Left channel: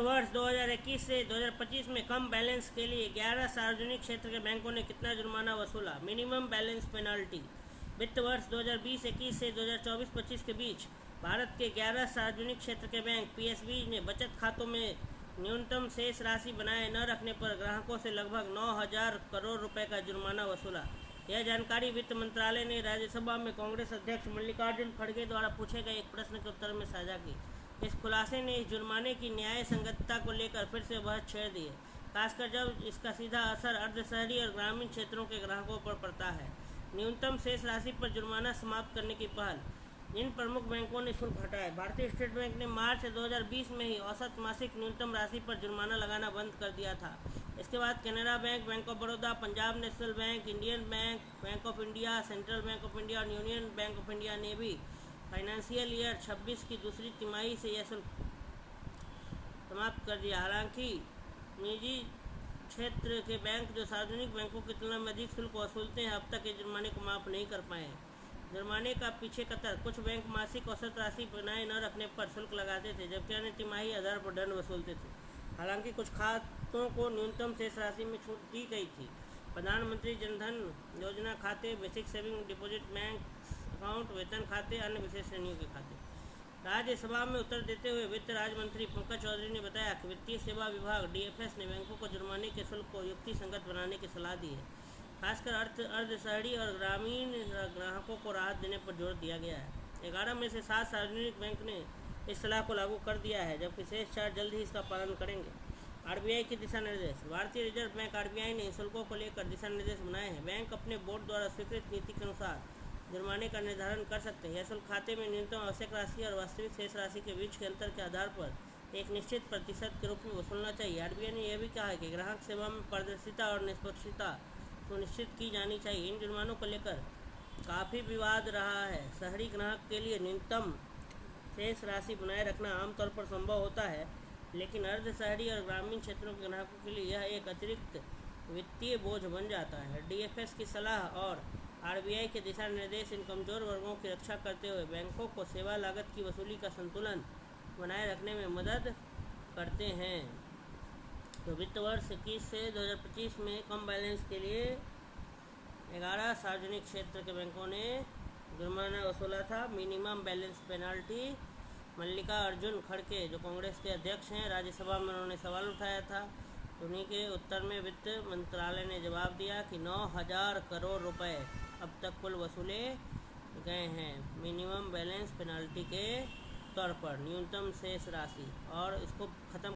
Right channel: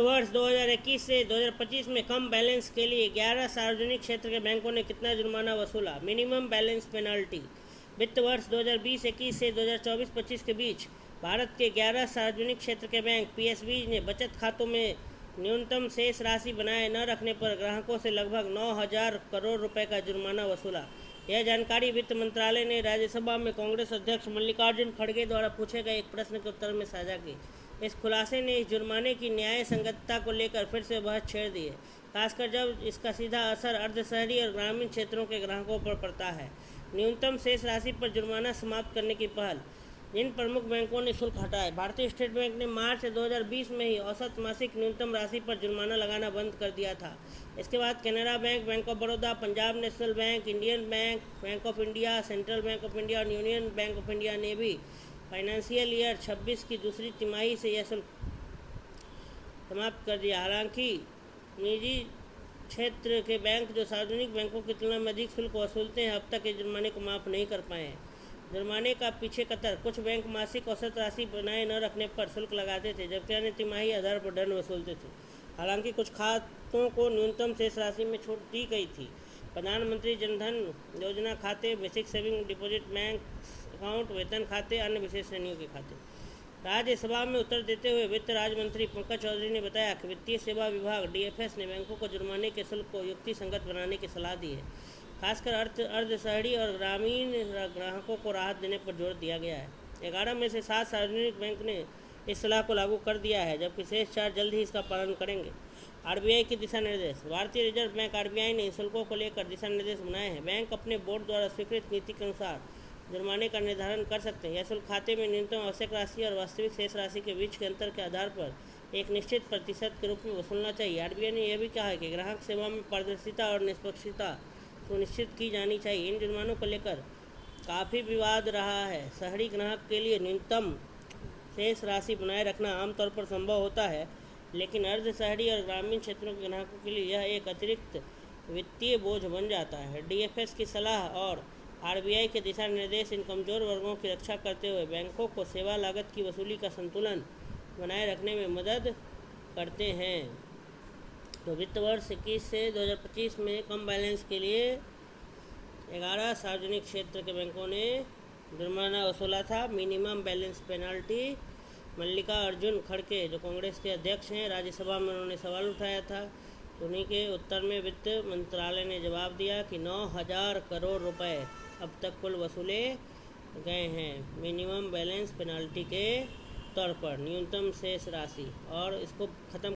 वर्ष 2021 से 2025 में कम बैलेंस के लिए 11 सार्वजनिक क्षेत्र के बैंकों ने कितना जुर्माना वसूला? Minimum balance penalty. वित्त वर्ष 2020-21 से 2024-25 के बीच भारत के 11 सार्वजनिक क्षेत्र के बैंक पीएसबी ने बचत खातों में न्यूनतम शेष राशि बनाए न रखने पर ग्राहकों से लगभग 9,000 करोड़ रुपए का जुर्माना वसूला। यह जानकारी वित्त मंत्रालय ने राज्यसभा में कांग्रेस अध्यक्ष मल्लिकार्जुन खड़गे द्वारा पूछे गए एक प्रश्न के उत्तर में साझा की। इस खुलासे ने इस जुर्माने की न्याय संगतता को लेकर फिर से बहस छेड़ दी है, खासकर जब इसका सीधा असर अर्ध शहरी और ग्रामीण क्षेत्रों के ग्राहकों पर पड़ता है। न्यूनतम शेष राशि पर जुर्माना समाप्त करने की पहल। जिन प्रमुख बैंकों ने शुल्क हटाए। भारतीय स्टेट बैंक ने मार्च 2020 में ही औसत मासिक न्यूनतम राशि पर जुर्माना लगाना बंद कर दिया था। इसके बाद Canara bank, bank of Baroda, Punjab national bank, Indian bank, bank of India, central bank of India और यूनियन बैंक ऑफ इंडिया ने भी फाइनेंशियल ईयर 26 की दूसरी तिमाही से यह शुल्क समाप्त कर दिया। हालांकि निजी क्षेत्र के बैंक जो सार्वजनिक बैंकों की तुलना में अधिक शुल्क वसूलते हैं, अब तक इस जुर्माने को माफ़ नहीं कर पाए हैं। जुर्माने का पीछे कतर। कुछ बैंक मासिक औसत राशि बनाए न रखने पर शुल्क लगाते थे, जबकि अन्य तिमाही आधार पर दंड वसूलते थे। हालांकि कुछ खातों को न्यूनतम शेष राशि में छूट दी गई थी। प्रधानमंत्री जनधन योजना खाते, basic saving deposit bank account, वेतन खाते, अन्य विशेष श्रेणियों के खाते। राज्यसभा में उत्तर देते हुए वित्त राज्य मंत्री पंकज चौधरी ने बताया कि वित्तीय सेवा विभाग डीएफएस ने बैंकों को जुर्माने के शुल्क को युक्ति संगत बनाने की सलाह दी है। खासकर अर्ध शहरी और ग्रामीण ग्राहकों को राहत देने पर जोर दिया गया है। 11 में से 7 सार्वजनिक बैंक ने इस सलाह को लागू कर दिया है, जबकि शेष 4 जल्द ही इसका पालन करेंगे। आरबीआई के दिशा निर्देश। भारतीय रिजर्व बैंक आरबीआई ने शुल्कों को लेकर दिशा निर्देश बनाए हैं। बैंक अपने बोर्ड द्वारा स्वीकृत नीति के अनुसार जुर्माने का निर्धारण कर सकते हैं। यह शुल्क खाते में न्यूनतम आवश्यक राशि और वास्तविक शेष राशि के बीच के अंतर के आधार पर एक निश्चित प्रतिशत के रूप में वसूलना चाहिए। आरबीआई ने यह भी कहा है कि ग्राहक सेवा में पारदर्शिता और निष्पक्षता सुनिश्चित की जानी चाहिए। इन जुर्मानों को लेकर काफ़ी विवाद रहा है। शहरी ग्राहक के लिए न्यूनतम शेष राशि बनाए रखना आमतौर पर संभव होता है, लेकिन अर्ध शहरी और ग्रामीण क्षेत्रों के ग्राहकों के लिए यह एक अतिरिक्त वित्तीय बोझ बन जाता है। डीएफएस की सलाह और आरबीआई के दिशा निर्देश इन कमज़ोर वर्गों की रक्षा करते हुए बैंकों को सेवा लागत की वसूली का संतुलन बनाए रखने में मदद करते हैं। तो वित्त वर्ष 21 से 2025 में कम बैलेंस के लिए 11 सार्वजनिक क्षेत्र के बैंकों ने जुर्माना वसूला था। Minimum balance penalty. मल्लिकार्जुन खड़गे जो कांग्रेस के अध्यक्ष हैं, राज्यसभा में उन्होंने सवाल उठाया था, उन्हीं के उत्तर में वित्त मंत्रालय ने जवाब दिया कि 9,000 करोड़ रुपए अब तक कुल वसूले गए हैं मिनिमम बैलेंस पेनाल्टी के तौर पर, न्यूनतम शेष राशि, और इसको ख़त्म